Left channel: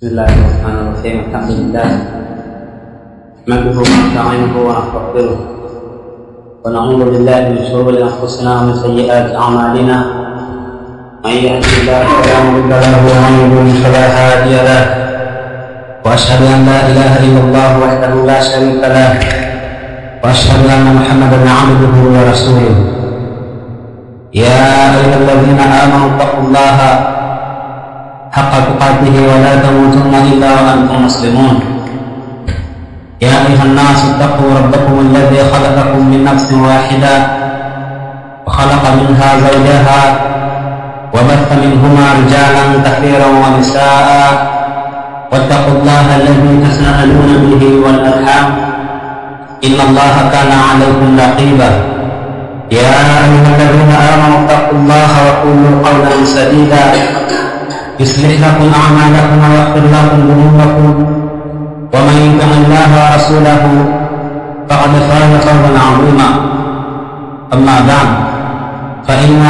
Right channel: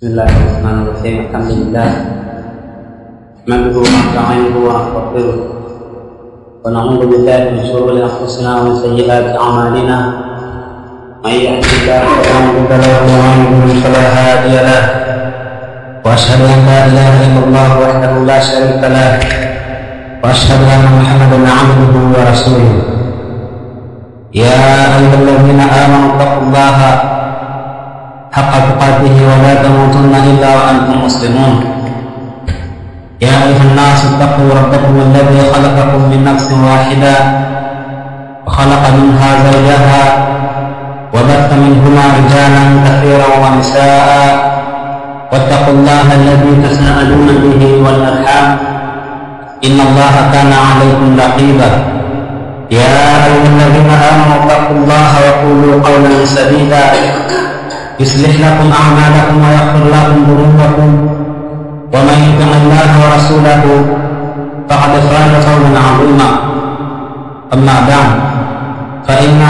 بسم الله الرحمن الرحيم. الحمد لله نحمده ونستعينه ونستغفره ونعوذ بالله من شرور انفسنا ومن سيئات اعمالنا. من يهده الله فلا مضل له ومن يضلل فلا هادي له، واشهد ان لا اله الا الله وحده لا شريك له، واشهد ان محمدا عبده ورسوله. يا ايها الذين امنوا اتقوا الله حق تقاته ولا تموتن إلا وأنتم مسلمون. يا أيها الناس اتقوا ربكم الذي خلقكم من نفس واحدة وخلق منها زوجها وبث منهما رجالا كثيرا ونساء، واتقوا الله الذي تساءلون به والأرحام إن الله كان عليكم رقيبا. يا أيها الذين آمنوا اتقوا الله وقولوا قولا سديدا يصلح لكم أعمالكم ويغفر لكم ذنوبكم، ومن يطع الله ورسوله فقد فاز فوزا عظيما. أما بعد، فإن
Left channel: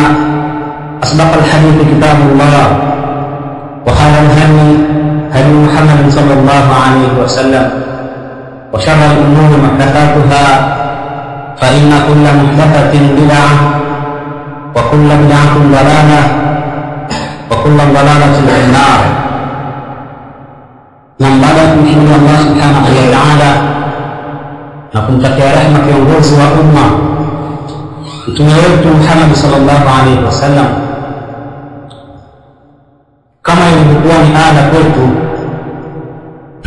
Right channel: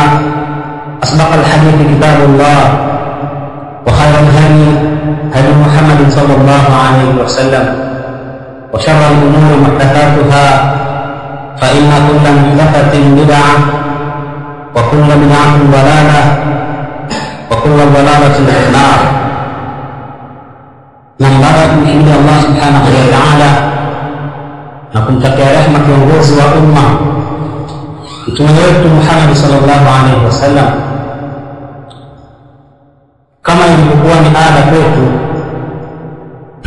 أصدق الحديث كتاب الله، وخير الهدي هدي محمد صلى الله عليه وسلم، وشر الأمور محدثاتها، فإن كل محدثة بدعة، وكل بدعة ضلالة، وكل ضلالة في النار. Baada ya kumhimidi Allah subhanahu wa ta'ala na kumtakia rehema kiongozi wa umma mtume wetu Muhammad sallallahu alaihi wasallam, kama ilivyokuwa ni ada kwetu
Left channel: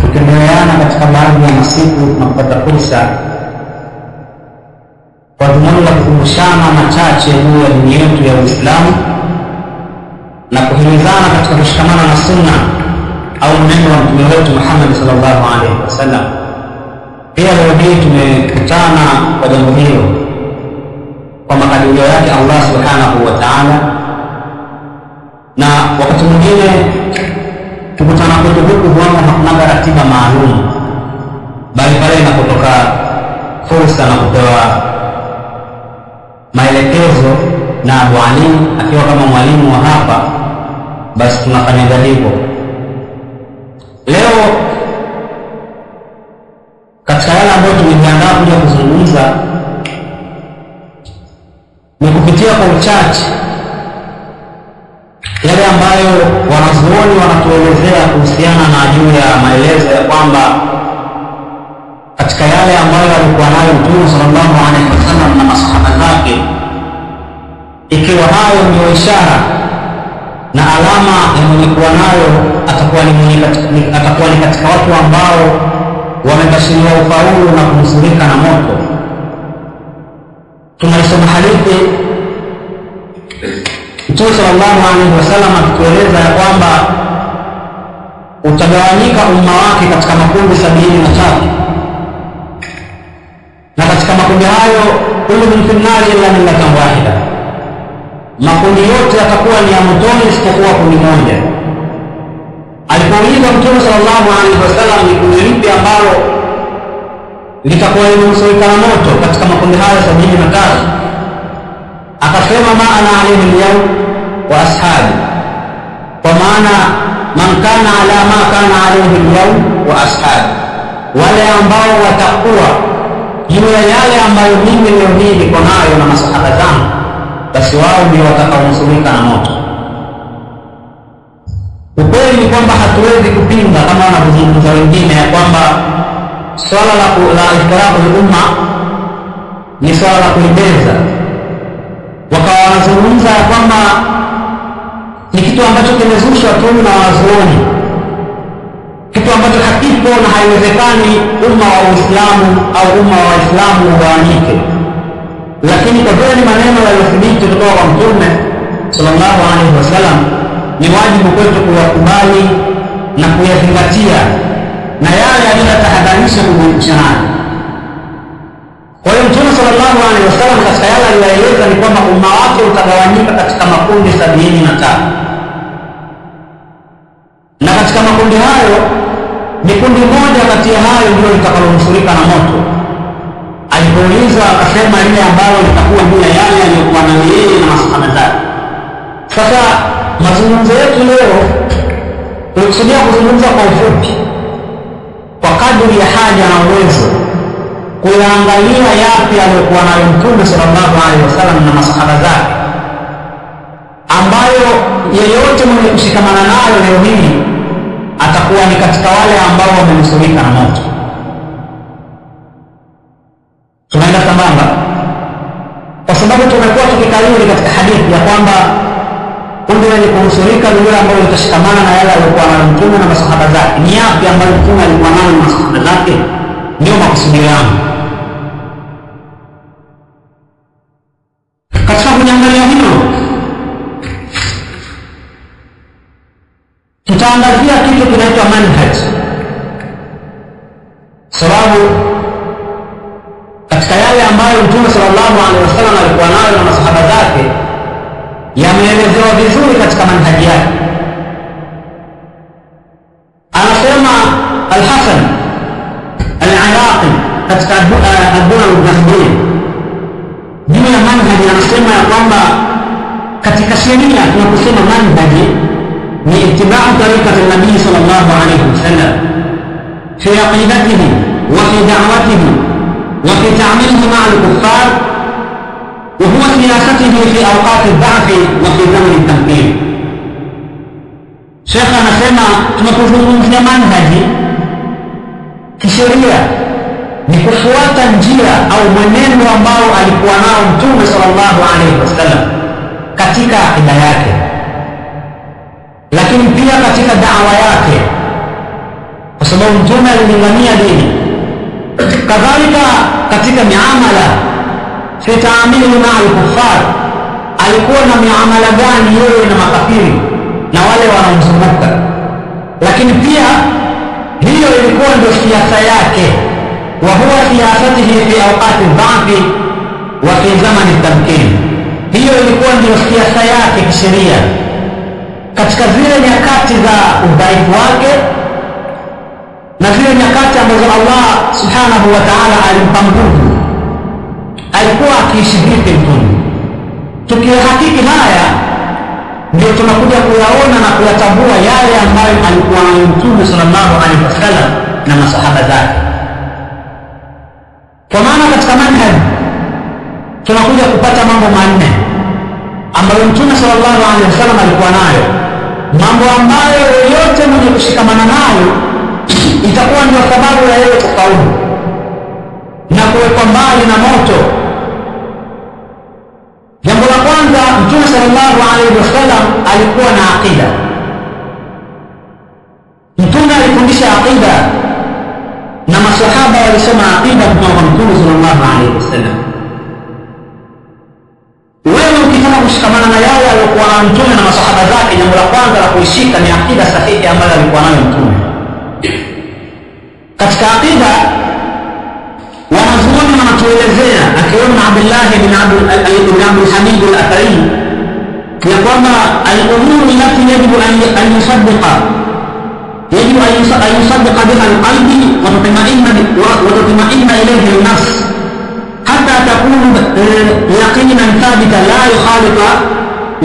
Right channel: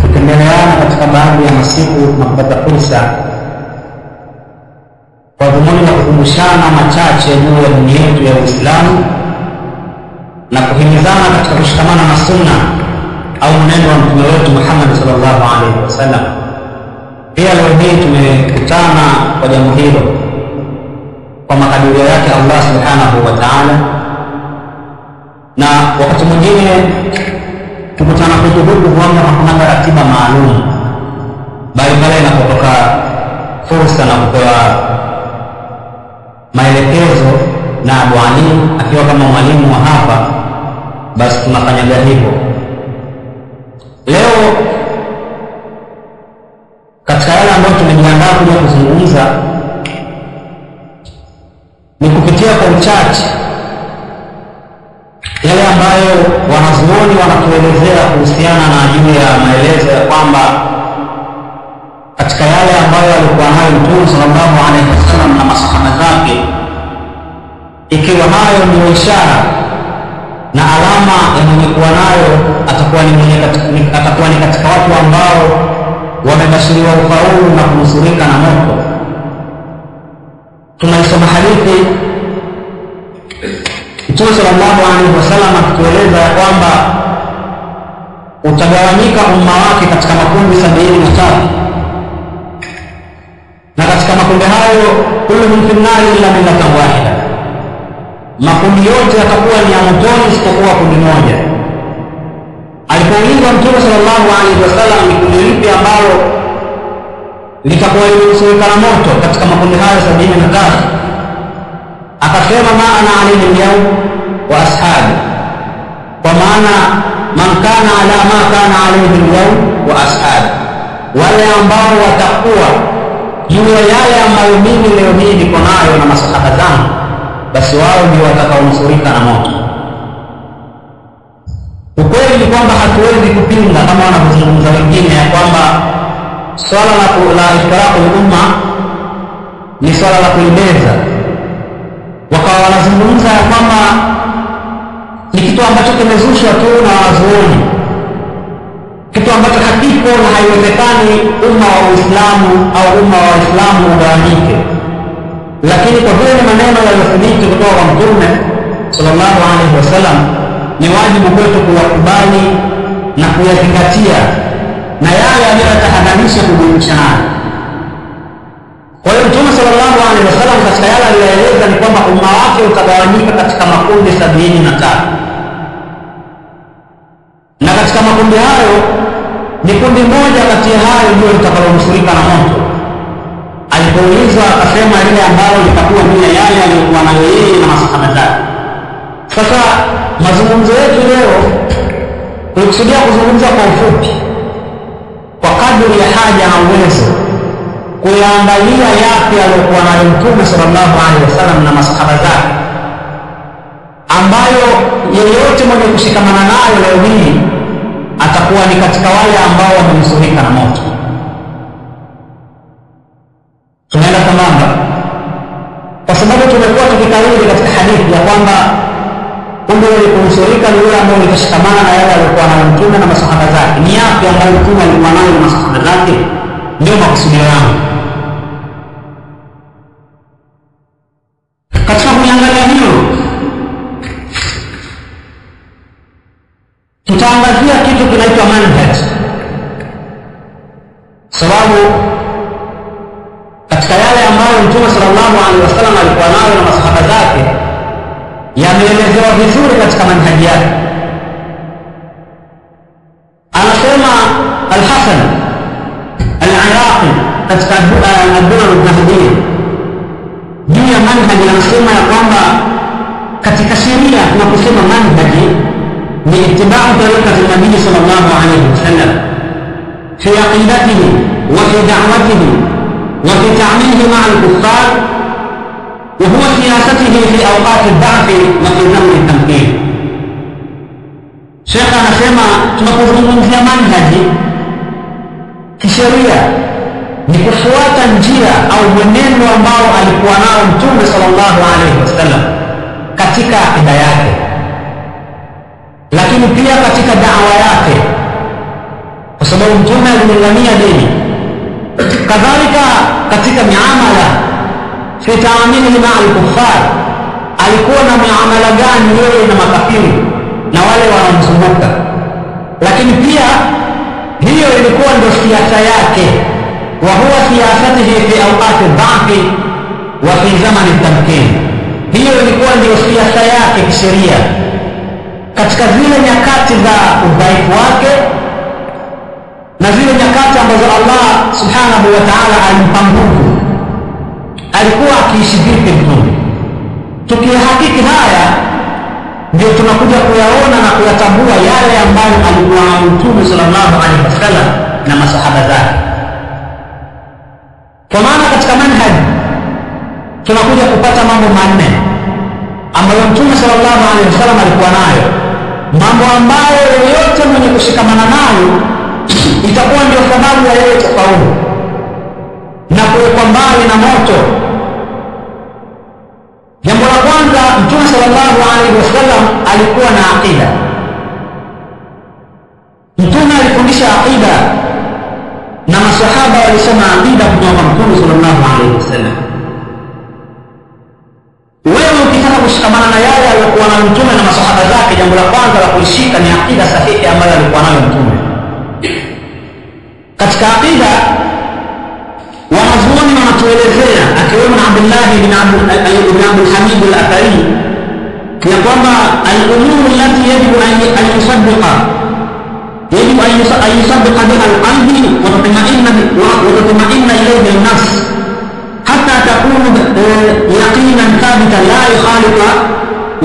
kutembeleana katika baadhi ya masiku tunapopata fursa kwa dhumuni la kukumbushana machache juu ya dini yetu ya Uislamu na kuhimizana katika kushikamana na sunna au mwenendo wa mtume wetu Muhammad sallallahu alaihi wasallam. Pia leo hii tumekutana kwa jambo hilo kwa makadirio yake Allah subhanahu wa ta'ala, na wakati mwingine tukutana kwetu huku huamna hakuna ratiba maalum, bali pale inapotoka fursa na kupewa maelekezo na Abu Ali akiwa kama mwalimu wa hapa, basi tunafanyaga hivyo. Leo katika yale ambayo tumejiandaa kuja kuzungumza ni kupitia kwa uchache yale ambayo wanazuoni wanatuelezea kuhusiana na juu ya maelezo ya kwamba katika yale ambayo alikuwa nayo Mtume sallallahu alaihi wasallam na masahaba zake, ikiwa hayo ndio ishara na alama ya mwenye kuwa nayo atakuwa ni katika watu ambao wamebashiriwa ufaulu na kunusurika na moto. Tunaisoma hadithi Mtume sallallahu alaihi wasallam akitueleza ya kwamba utagawanyika umma wake katika makundi 73, na katika makundi hayo kulluhum fi nnari illa millatan wahida, makundi yote yatakuwa ni ya motoni isipokuwa kundi moja. Alipoulizwa Mtume sallallahu alaihi wasallam ni kundi lipi ambalo litakuwa limenusurika na moto katika makundi hayo 73, akasema ma ana alayhi al-yawm wa ashabi, kwa maana man kana ala ma kana alayhi al-yawm wa ashabi, wale ambao watakuwa juu ya yale ambayo mimi leo hii niko nayo na masahaba zangu, basi wao ndio watakaonusurika na moto. Ukweli ni kwamba hatuwezi kupinga kama wanavyozungumza wengine ya kwamba swala la iftiraqul umma ni swala la kulibeza, wakawa wanazungumza ya kwamba ni kitu ambacho kimezushwa tu na wanazuoni, kitu ambacho hakipo na haiwezekani umma wa Uislamu au umma wa Waislamu ugawanyike. Lakini kwa vile ni maneno yaliyothibiti kutoka kwa Mtume sallallahu alaihi wasallam, ni wajibu kwetu kuyakubali na kuyazingatia na yale aliyotahadharisha kujiepusha nayo. Kwa hiyo Mtume sallallahu alaihi wasallam katika yale aliyoeleza ni kwamba umma wake utagawanyika katika makundi 73, na katika makundi hayo ni kundi moja kati ya hayo ndio litakalonusurika na moto. Alipoulizwa akasema lile ambalo litakuwa juu ya yale aliyokuwa nayo yeye na masahaba zake. Sasa mazungumzo yetu leo tulikusudia kuzungumza kwa ufupi kwa kadri ya haja na uwezo kuyaangalia yapi aliyokuwa nayo Mtume sallallahu alaihi wasallam na masahaba zake, ambayo yeyote mwenye kushikamana nayo leo hii atakuwa ni katika wale ambao wamenusurika na moto. Tunaenda sambamba kwa sababu tumekuwa tukikariri katika hadithi ya kwamba kundi lenye kunusurika ni yule ambao litashikamana na yale aliyokuwa nayo Mtume na masahaba zake. Ni yapi ambayo Mtume alikuwa nayo na masahaba zake? Ndio makusudio yangu. Katika kuliangalia hilo, tutaangazia kitu kinaitwa manhaj, sababu katika yale ambayo Mtume sallallahu alaihi wasallam alikuwa nayo na masahaba zake yameelezewa vizuri katika manhaji yake. Anasema Al-Hasan Al-Iraqi katika Ad-Durar Al-Dhahabiyya juu ya manhaji, anasema ya kwamba katika sheria tunaposema manhaji ni ittiba'u tariqati an-nabii sallallahu alayhi wasallam fi aqidatihi wa fi da'watihi wa fi ta'amilihi ma'a al-kuffar wa huwa siyasatihi fi awqati ad-da'f wa fi zaman at-tamkin. Sheikh anasema tunapozungumzia manhaji kisheria ni kufuata njia au mwenendo ambao alikuwa nao Mtume sallallahu alaihi wasallam katika akida yake, lakini pia katika da'wa yake, kwa sababu Mtume alilingania dini. Kadhalika katika miamala, fi ta'amilihi ma'a al-kuffar, alikuwa na miamala gani yeye na makafiri na wale wanaomzunguka, lakini pia hiyo ilikuwa ndio siasa yake. Wa huwa siyasatihi fi awqati ad-da'fi wa fi zamani at-tamkin, hiyo ilikuwa ndio siasa yake kisheria katika zile nyakati za udhaifu wake na zile nyakati ambazo Allah subhanahu wa ta'ala alimpa nguvu. Alikuwa akiishi vipi Mtume? Tukihakiki haya ndio tunakuja kuyaona na kuyatambua yale ambayo alikuwa nayo Mtume sallallahu alaihi wasallam na masahaba zake. Kwa maana katika manhaj tunakuja kupata mambo manne ambayo Mtume sallallahu alaihi wasallam alikuwa nayo, mambo ambayo yote mwenye kushikamana nayo itakuwa ndio sababu ya yeye kufaulu na kuwekwa mbali na moto. Jambo la kwanza, Mtume sallallahu alaihi wasallam alikuwa na aqida. Mtume alifundisha aqida na masahaba walisema aqida kutoka kwa Mtume sallallahu alaihi wasallam. Wewe ukitaka kushikamana na yale aliyokuwa nayo Mtume na masahaba zake, jambo la kwanza la kuishika ni aqida sahihi ambayo alikuwa nayo Mtume. Katika aqida wanazuoni wanatuelezea, akiwemo Abdullah ibn Abdul Hamid al-Athari, ya kwamba al-umuru allati yajibu an yusaddiqa biha al-qalbi wa tatma'inna ilayhi an-nafs hatta takunu yaqinan thabita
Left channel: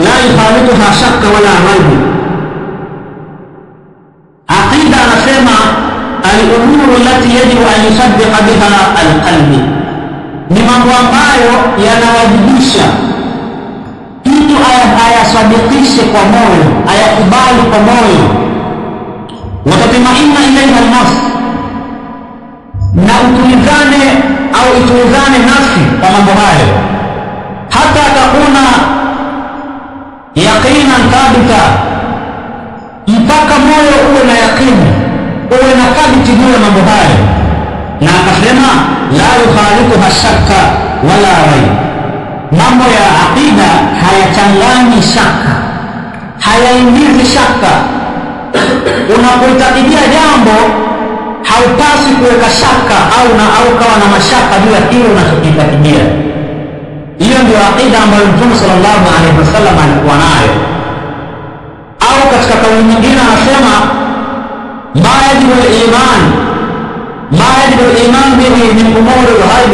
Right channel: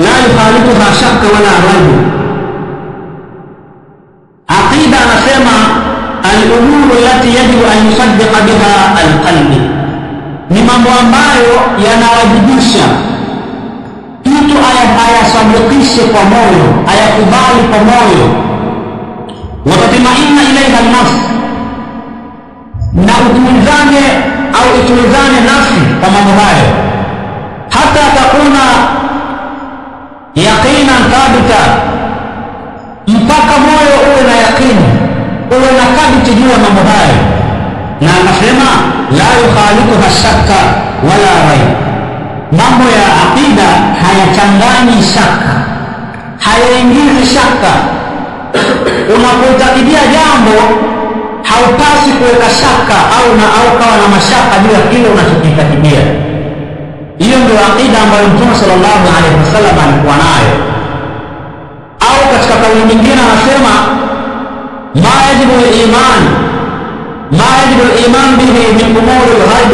la yukhalituha shakka wala raib. Aqida anasema al-umuru allati yajibu an yusaddiqa biha al-qalbi, ni mambo ambayo yanawajibisha mtu ayasadikishe kwa moyo, ayakubali kwa moyo. Watatmainna ilaiha al-nafs, na itulizane nafsi kwa mambo hayo. Hata takuna yaqinan thabita, mpaka moyo uwe na yaqini, uwe na kabiti juu ya mambo hayo. Na akasema la yukhalituha shakka wala raib, mambo ya aqida hayachanganyi shaka, hayaingizi shaka. Unapoitakidia jambo haupasi kuweka shaka au kawa na mashaka juu ya kile unachokiitakidia. Hiyo ndio aqida ambayo Mtume sallallahu alaihi wasallam alikuwa nayo. Au katika kauli nyingine anasema ma yajibu al-iman bihi min umuri al-ghaib,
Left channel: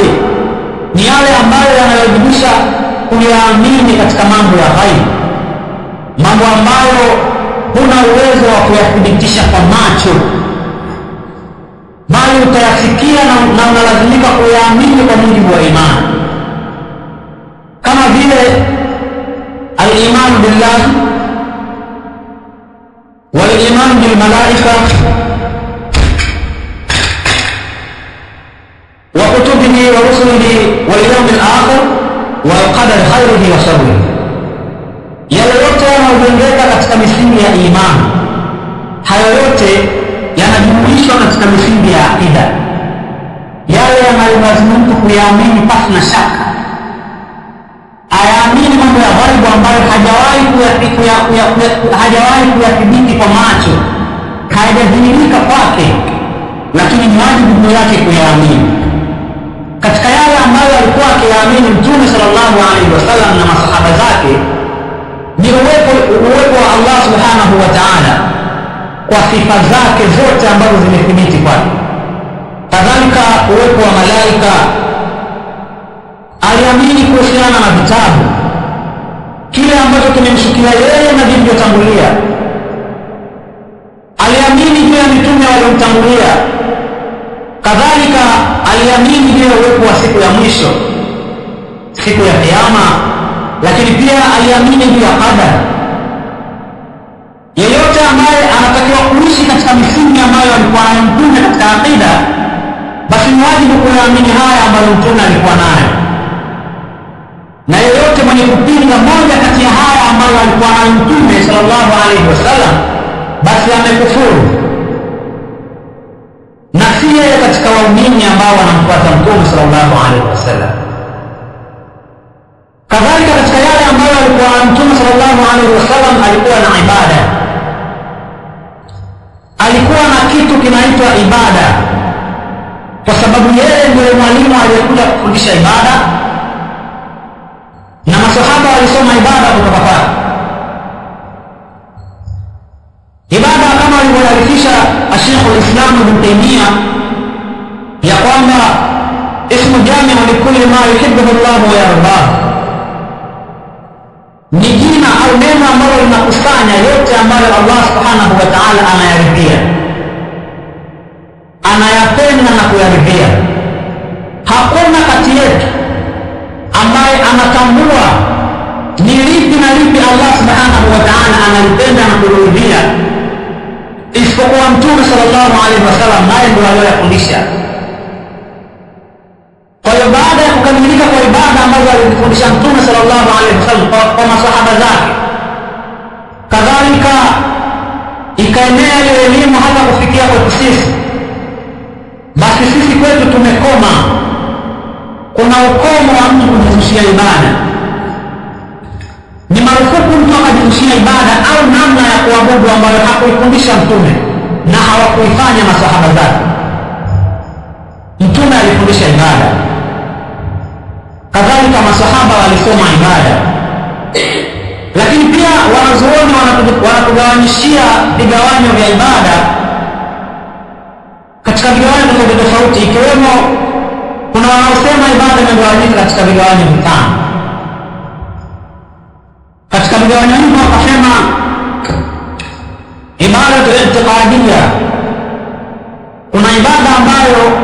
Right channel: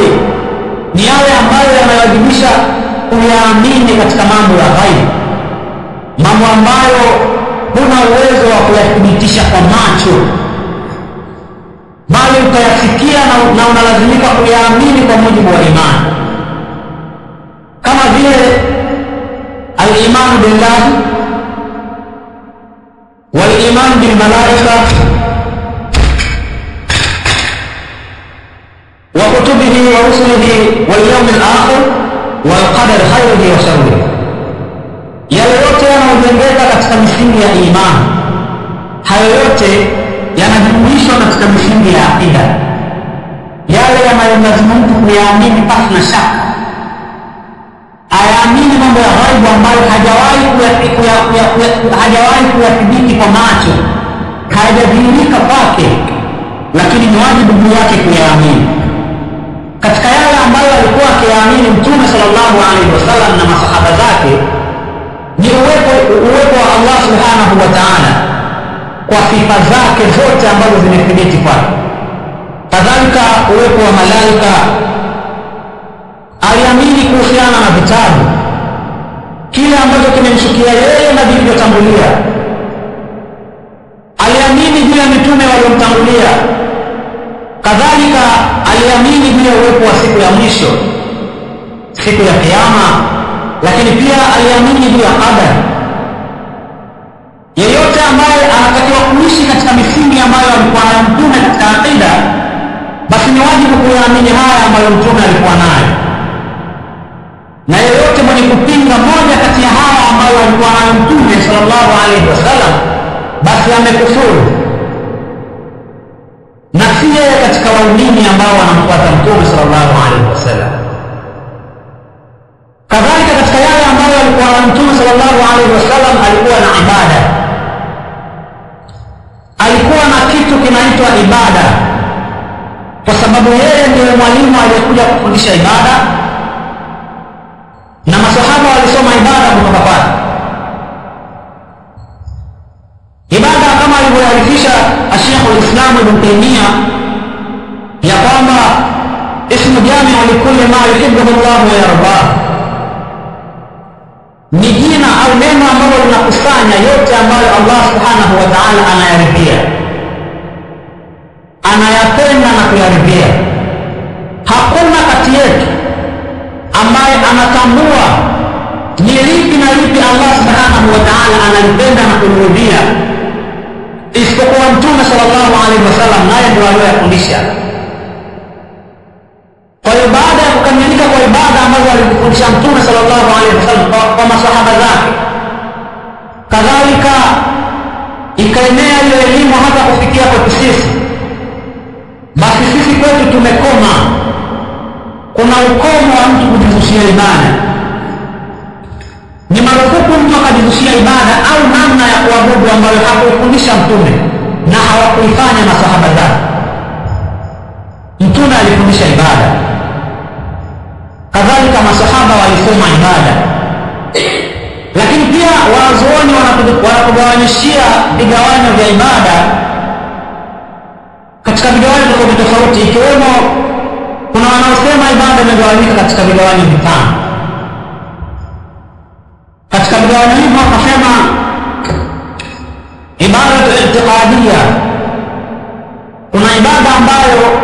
ni yale ambayo yanayowajibisha kuyaamini katika mambo ya ghaib, mambo ambayo huna uwezo wa kuyathibitisha kwa macho, bali utayasikia na unalazimika kuyaamini kwa mujibu wa imani, kama vile al-iman billah wal-iman bil malaika wa kutubihi wa rusulihi wal yawmil akhir wal qadar khairihi wa sharrihi. Yale yote yanayojengeka katika misingi ya imani, hayo yote yanajumuishwa katika misingi ya aqida, yale yanayolazimu mtu kuyaamini pasi na shaka, ayaamini mambo ya ghaibu ambayo hajawahi kuyathibiti kwa macho, hayajadhihirika kwake, lakini ni wajibu juu yake kuyaamini. Katika yale ambayo alikuwa akiyaamini Mtume sallallahu alaihi wasallam na masahaba zake ni uwepo wa Allah subhanahu wa ta'ala kwa sifa zake zote ambazo zimethibiti kwake. Kadhalika uwepo wa malaika, aliamini kuhusiana na vitabu, kile ambacho kimemshukia yeye na vilivyotangulia. Aliamini juu ya mitume waliomtangulia. Kadhalika aliamini juu ya uwepo wa siku ya mwisho, siku ya kiyama, lakini pia aliamini juu ya qadar. Yeyote ambaye anatakiwa kuishi katika misingi ambayo alikuwa nayo Mtume katika aqida, basi ni wajibu kuyaamini haya ambayo Mtume alikuwa nayo, na yeyote mwenye kupinga moja kati ya haya ambayo alikuwa nayo Mtume sallallahu alaihi wasallam, basi amekufuru, na si yeye katika waumini ambao wanamfuata Mtume sallallahu alaihi wasallam. Kadhalika katika yale ambayo alikuwa nayo Mtume sallallahu alaihi wasallam, alikuwa na ibada, alikuwa na kitu kinaitwa ibada, kwa sababu yeye ndiye mwalimu aliyekuja kufundisha ibada, na masahaba walisoma ibada kutoka kwake. Ibada kama alivyoarifisha Sheikh al-Islam Ibn Taymiyyah ya kwamba ismu jami'u likulli ma yuhibbuhu Allah wa yardah, ni jina au neno ambalo linakusanya yote ambayo Allah subhanahu wa ta'ala anayaridhia, anayapenda na kuyaridhia. Hakuna kati yetu ambaye anatambua ni lipi na lipi Allah subhanahu wa ta'ala analipenda na kuliridhia isipokuwa Mtume sallallahu alaihi wasallam, naye ndio aliyofundisha. Kwa hiyo baada ya kukamilika kwa ibada ambazo alizifundisha Mtume sallallahu alaihi wasallam kwa masahaba zake, kadhalika ikaenea hiyo elimu hata kufikia kwetu sisi, basi sisi kwetu tumekoma. Kuna ukomo wa mtu kujizushia ibada. Ni marufuku mtu akajizushia ibada au namna ya kuabudu ambayo hakuifundisha Mtume na hawakuifanya masahaba zake. Mtume alifundisha ibada, kadhalika masahaba walisoma ibada, lakini pia wanazuoni wanatugawanyishia vigawanyo vya ibada katika vigawanyo tofauti tofauti, ikiwemo kuna wanaosema ibada imegawanyika katika vigawanyo vitano. Katika vigawanyo hivyo wakasema ibadatu i'tiqadiyya, kuna ibada ambayo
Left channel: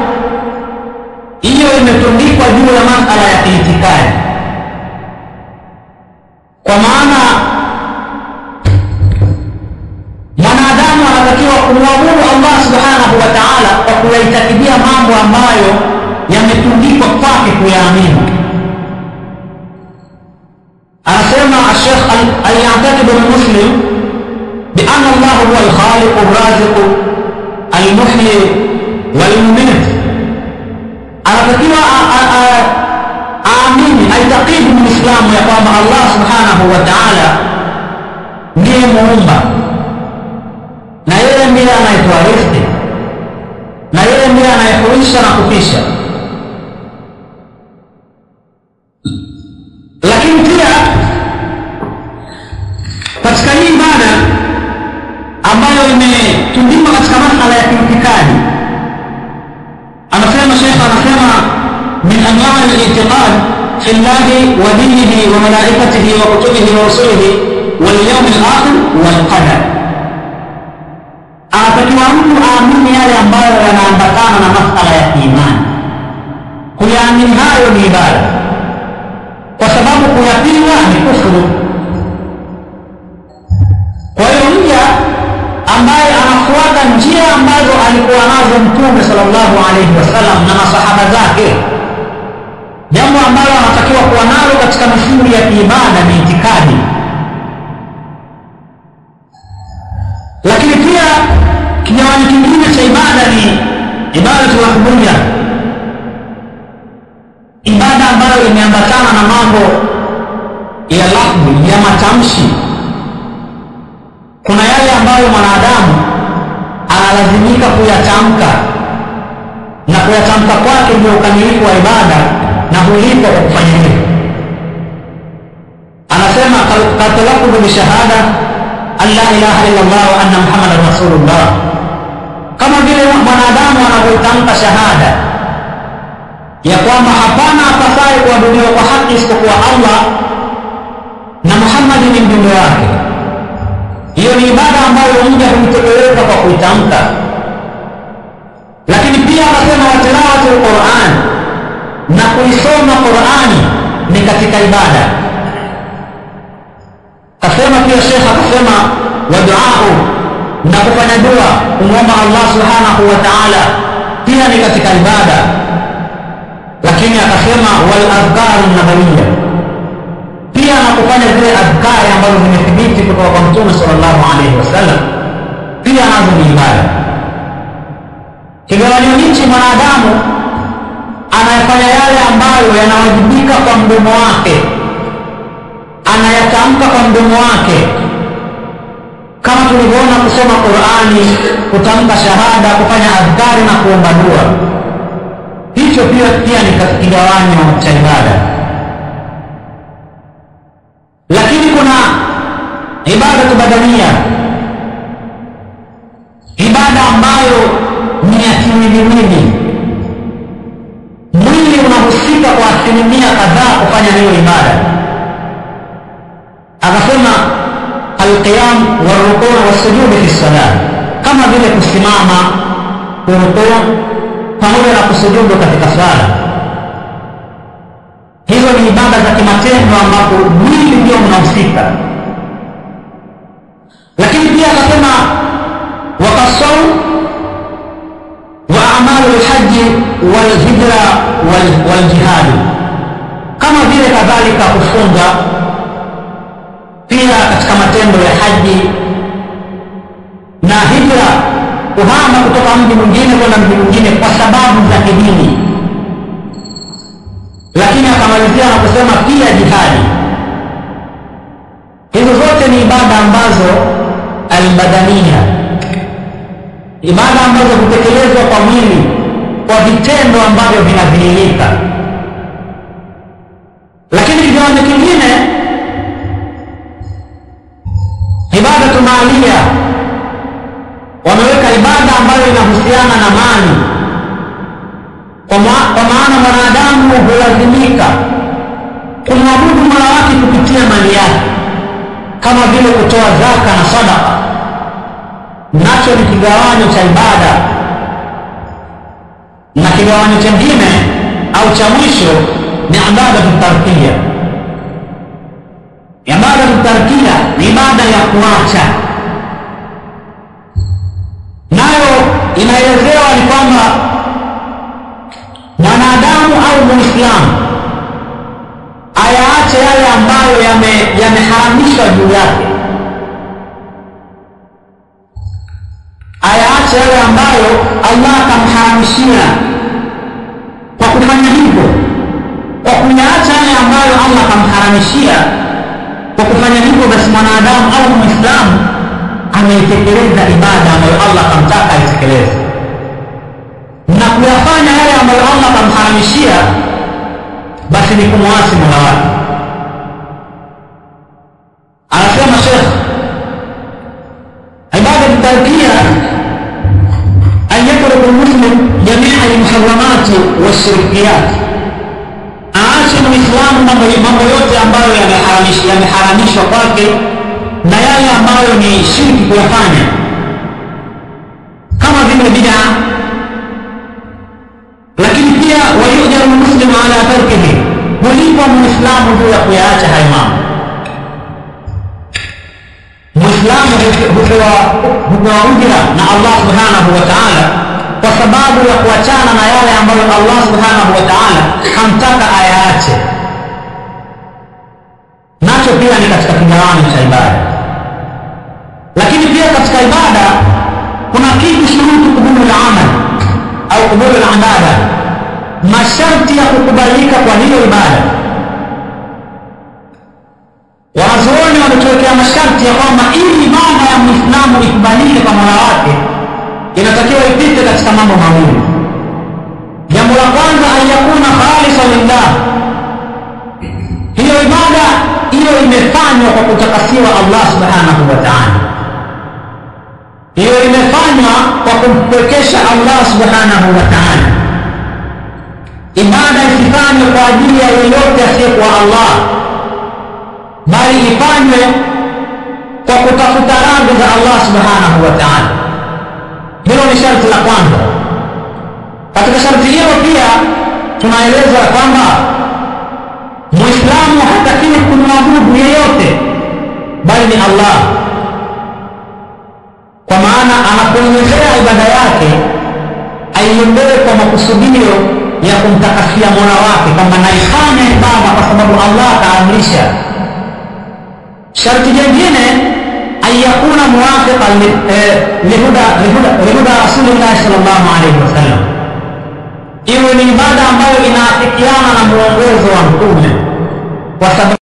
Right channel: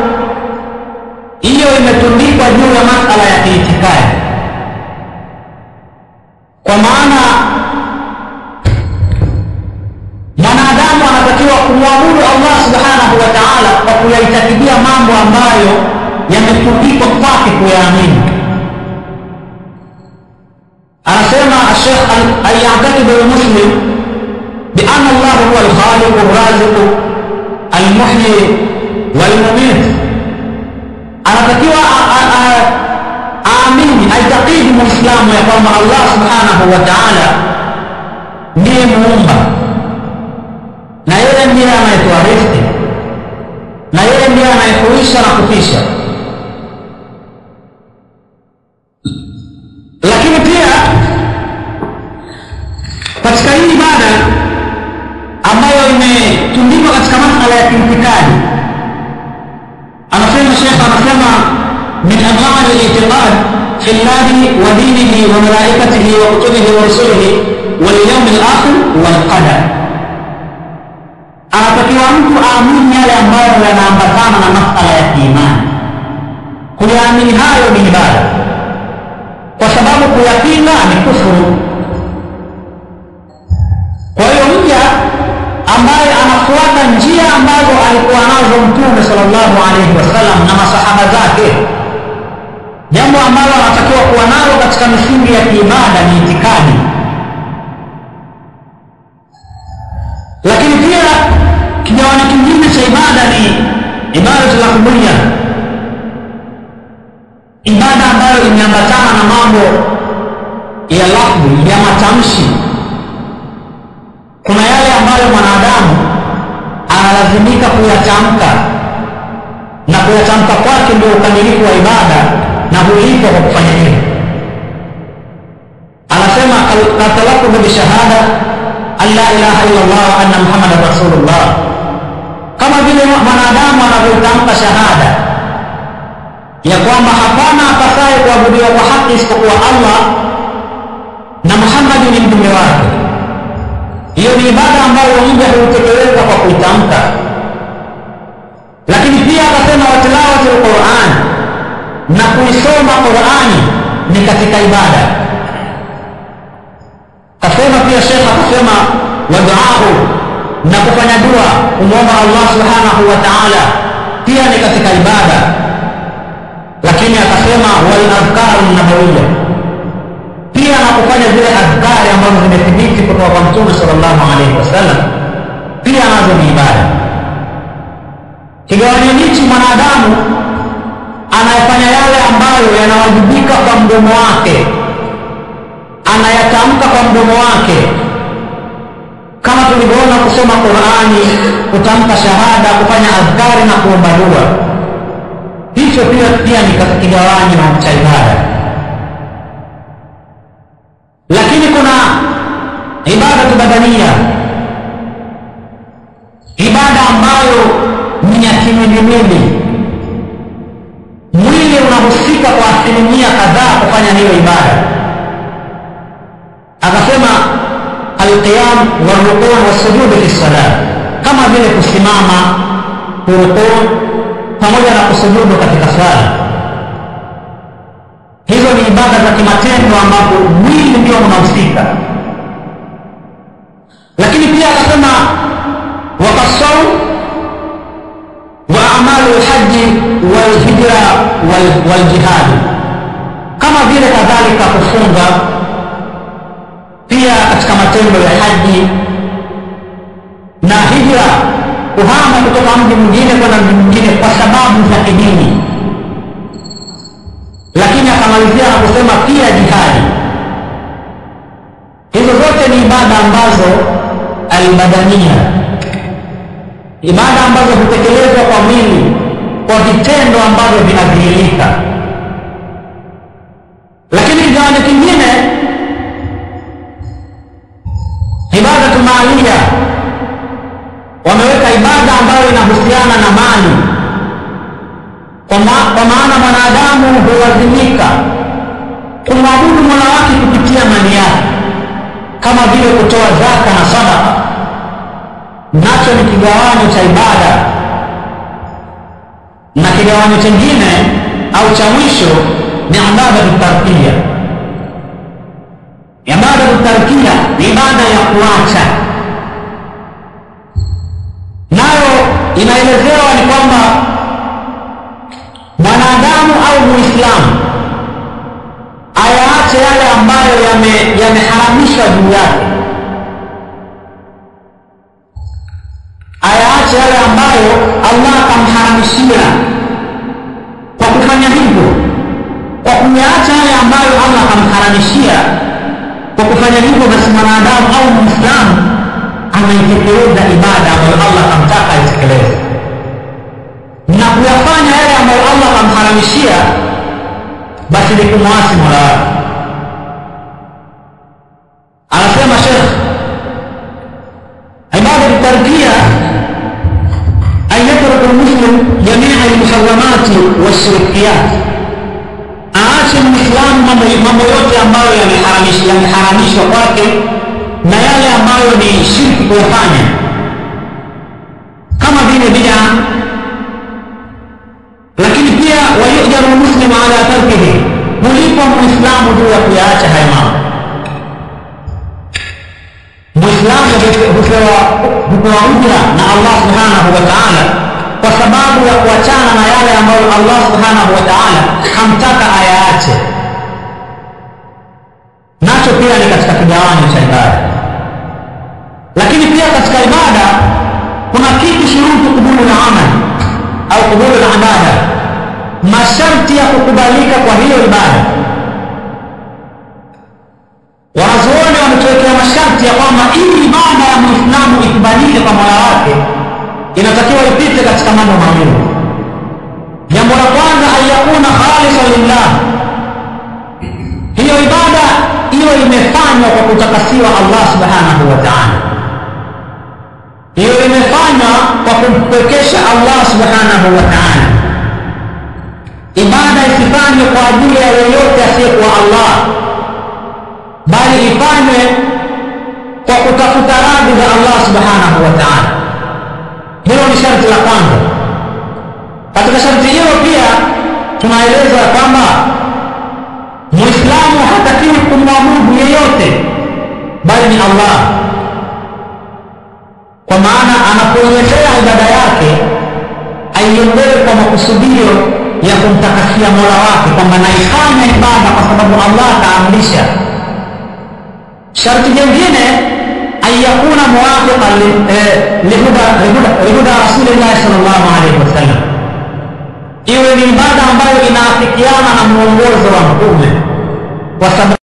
hiyo imetundikwa juu ya masala ya kiitikadi, kwa maana mwanadamu anatakiwa kumwabudu Allah subhanahu wa ta'ala kwa kuyaitakidia mambo ambayo yametundikwa kwake kuyaamini. Anasema Sheikh al-ya'taqid al-muslim bi anna Allah huwa al-khaliq ar-raziq al-muhyi wal-mumit. Anatakiwa aamini, aitakidi muislamu ya kwamba Allah subhanahu wa ta'ala ndiye muumba, na yeye ndiye anayetoa riziki, na yeye ndiye anayehuisha na kufisha. Lakini pia katika hii ibada ambayo imetundikwa katika masala ya kiitikadi, anasema Sheikh, anasema min anwa' al-i'tiqad fi Allah wa dinihi wa malaikatihi wa kutubihi wa rusulihi wal yawm al-akhir wal qadar. anatakiwa mtu aamini yale ambayo yanaambatana na masala ya kiimani. Kuyaamini hayo ni ibada, kwa sababu kuyapinga ni kufuru. Kwa hiyo mja ambaye anafuata njia ambazo alikuwa nazo Mtume sallallahu alaihi wasallam na masahaba zake, jambo ambalo anatakiwa kuwa nalo katika misingi ya kiibada ni itikadi. Lakini pia kigawanyo kingine cha ibada ni ibadatul lahudhiyya, ibada ambayo imeambatana na mambo ya lafzi, ya matamshi. Kuna yale ambayo mwanadamu analazimika kuyatamka, na kuyatamka kwake ndio ukamilifu wa ibada, na hulipwa kwa kufanya hivyo. Anasema katalafudhu bishahada an la ilaha illa Allah wa anna Muhammadar Rasulullah, kama vile mwanadamu anavyotamka shahada ya kwamba hapana apasaye kuabudiwa kwa haki isipokuwa Allah na Muhammad ni mjumbe wake. Hiyo ni ibada ambayo mja huitekeleza kwa kuitamka. Lakini pia akasema watilawatul Qur'an, na kuisoma Qur'ani ni katika ibada. Kasema pia Sheikh akasema wa du'a, na kufanya dua kumwomba Allah subhanahu wa ta'ala pia ni katika ibada. Lakini akasema wal azkaru nabawiyya, pia na kufanya zile azkari ambazo zimethibiti kutoka kwa Mtume sallallahu alaihi wasallam pia nazo ni ibada. Kigawanyo hichi, mwanadamu anayefanya yale ambayo yanawajibika kwa mdomo wake, anayatamka kwa mdomo wake, kama tulivyoona kusoma Qur'ani, kutamka shahada, kufanya azkari na kuomba dua, hicho pia ni kigawanyo cha ibada. Lakini kuna ibada badania, ibada ambayo ni ya kimwili. Mwili unahusika kwa asilimia kadhaa kufanya hiyo ibada. Akasema alqiyam warukuu wasujud fi salat, kama vile kusimama, kurukuu pamoja na kusujudu katika swala. Hizo ni ibada za kimatendo ambapo mwili ndio unahusika. Lakini pia akasema waqasau wa amalu alhaji wal hijra wal jihad, kama vile kadhalika kufunga pia katika matendo ya haji na hijra, kuhama kutoka mji mwingine kwenda mji mwingine kwa sababu za kidini. Lakini akamalizia na kusema pia jihadi. Hizo zote ni ibada ambazo albadania, ibada ambazo hutekelezwa kwa mwili, kwa vitendo ambavyo vinadhihirika. Lakini kigawanyo kingine, ibadatu maalia, wameweka ibada ambayo inahusiana na mali, kwa maana mwanadamu hulazimika kumwabudu Mola wake kupitia mali yake, kama vile kutoa zaka na sadaka, nacho ni kigawanyo cha ibada. Na kigawanyo kingine au cha mwisho ni ibadatu tarkiya. Ibadatu tarkiya ni ibada ya kuacha, nayo inaelezewa ni kwamba mwanadamu au muislamu ayaache yale ambayo yameharamishwa juu yake, ayaache yale ambayo Allah akamharamishia. Kwa kufanya hivyo, kwa kuyaacha yale ambayo Allah akamharamishia, kwa kufanya hivyo basi mwanadamu au muislamu anaitekeleza ibada ambayo Allah akamtaka aitekeleze, na kuyafanya yale ambayo Allah akamharamishia basi ni kumwasi Mola wake. Anasema Sheikh, ibada tarkiya an yatruku almuslim jami'a almuharramati washirkiyat, aache muislamu mambo yote ambayo yameharamishwa kwake na yale ambayo ni shirki kuyafanya. kama vile bid'a. Lakini pia wayujaru muslimu ala tarkihi, hulipwa muislamu juu ya kuyaacha hayo mambo. Muislamu hupewa ujira na Allah subhanahu wa ta'ala kwa sababu ya kuachana na yale ambayo Allah subhanahu wa ta'ala hamtaka ayaache. Nacho pia ni katika kigawanyo cha ibada. Lakini pia katika ibada kuna kitu shurutu kubulu al-amal au kubulu al-ibada, masharti ya kukubalika kwa hiyo ibada. Wanazuoni wametuwekea masharti ya kwamba ili ibada ya Muislamu ikubalike kwa Mola wake inatakiwa ipite katika mambo mawili. Jambo la kwanza, ayakuna khalisan lillah, hiyo ibada iwe imefanywa kwa kutakasiwa Allah subhanahu wa ta'ala, hiyo imefanywa kwa kumpwekesha Allah subhanahu wa ta'ala. Ibada isifanywe kwa ajili ya yoyote asiyekuwa Allah, bali ifanywe kwa kutafuta radhi za Allah subhanahu wa ta'ala. Hilo ni sharti la kwanza. Katika sharti hilo pia tunaeleza kwamba Muislamu hatakiwi kumwabudu yeyote bali ni Allah, kwa maana anapoiendea ibada yake aiendee kwa makusudio ya kumtakasia Mola wake, kwamba naifanya ibada kwa sababu Allah kaamrisha. Sharti jingine, ayakuna muwafiqan lihuda Rasulillah sallallahu alayhi wasallam, iwe ni ibada ambayo inaafikiana na muongozo wa Mtume, kwa sababu